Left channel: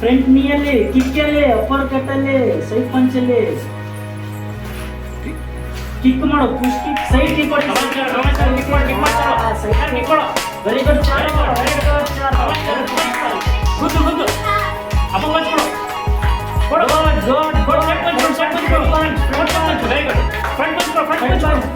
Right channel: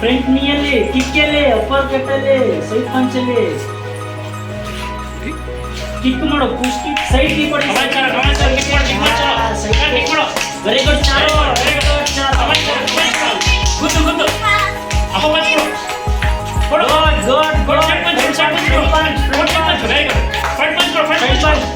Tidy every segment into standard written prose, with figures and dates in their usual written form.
Front ನೀಯಲ್ಲಿ, ಕಿಕ್ಕಲ್ಲಿ, upper ಕಟ್ಟಲ್ಲಿ, ಸೈಡ್ ಪಂಚಲ್ಲಿ ಕಿಕ್ ಮಾಡು, ಪುಷ್ ಕಿಕ್, ಸೈಡ್ ಕಿಕ್ ಕೊಡಿ. ವೆರಿ ಗುಡ್ ಚಾಲು, ವೆರಿ ಗುಡ್ ಚಾಲು. ಗುಡ್ ಗುಡ್ ಅಪ್ಪ ವಾಚ್ ಕೊಡು. ಗುಡ್ ಗುಡ್ ಟೆಕ್ನಿಕ್ ಕರೆಕ್ಟ್ ಆಗಿ ನಿಹಾಲ್ ಕರೆಕ್ಟ್ ಆಗಿ.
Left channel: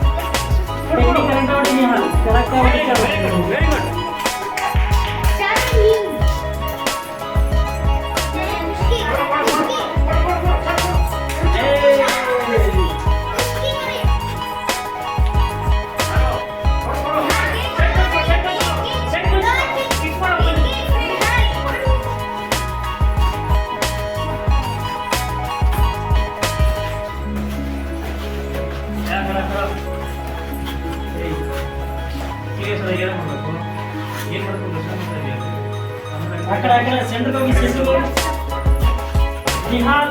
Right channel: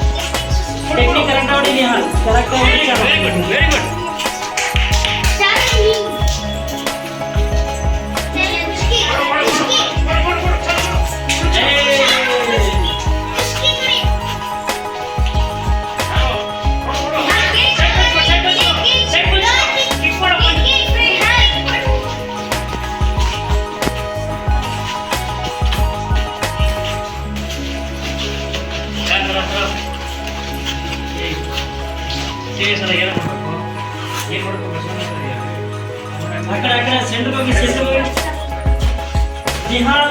सेंटर निहाल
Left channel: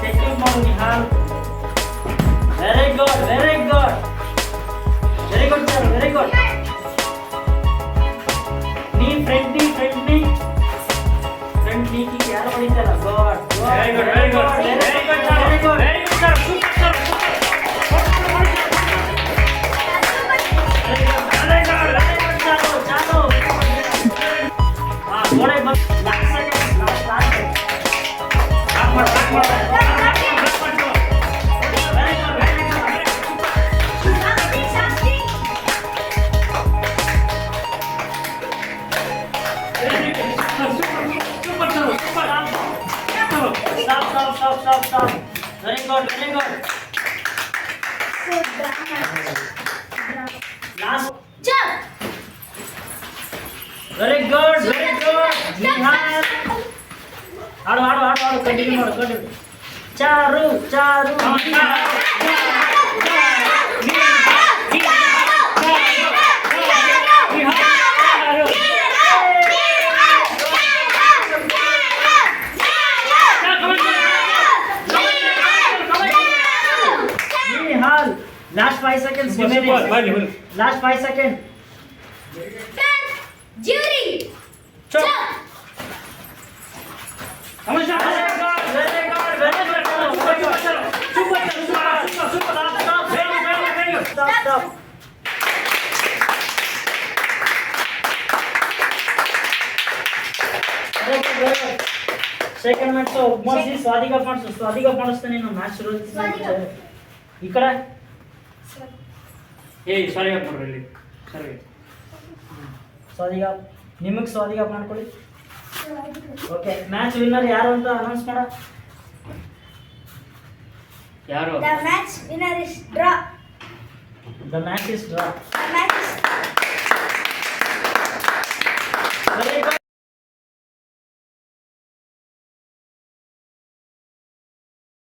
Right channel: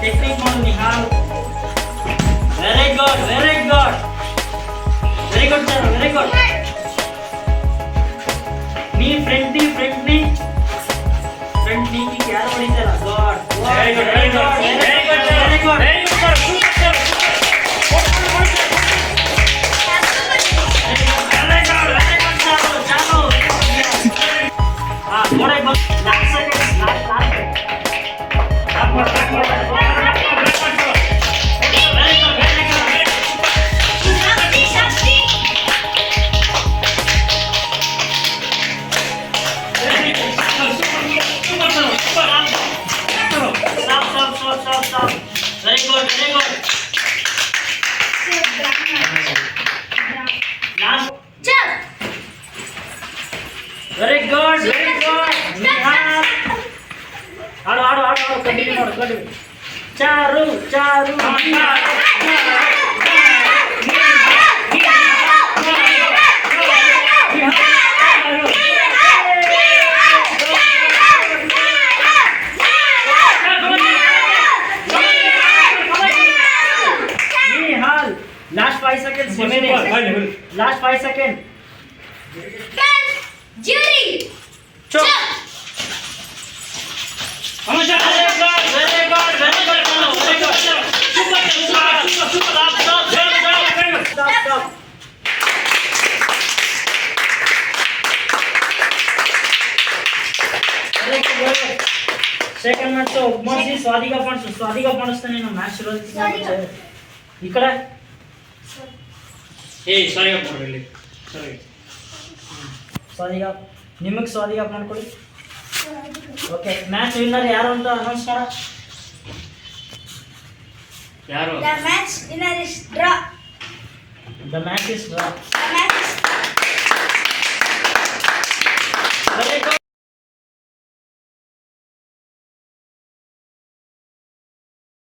टेक्निक माಡು Nihal very good very good very good sir very good knee front knee की यार ಹೊಡಿತಾರ good very good very good very good very good very good sir super Very good, very good. Last. Jump. Very good, very good. Nihal. Ado. Continue. Charu. Last 5 seconds. Last 5 seconds. Jury. Chop. Stop. Second match ಮಾಡ್ಸಿ ಸ್ವಾದಿಗ ಮಾಡಿಸ್ತಾನೆ ನಾನು match ಶುರು ಈ ಕಡೆ ಸಾರಿ ಮಾಡ್ಕೊಡ್ರಿ ಸರಿ ಸ್ವಾದಿಗ ನಿಮಗೆ ಸ್ವಾದಿಗ ಮಾಡ್ಕೊಳ್ಳಿ okay match winner ಯಾರು ಅಂತ ಅನೌನ್ಸ್ ಮಾಡ ಯಾರು The match winner is draw. The match is draw. The match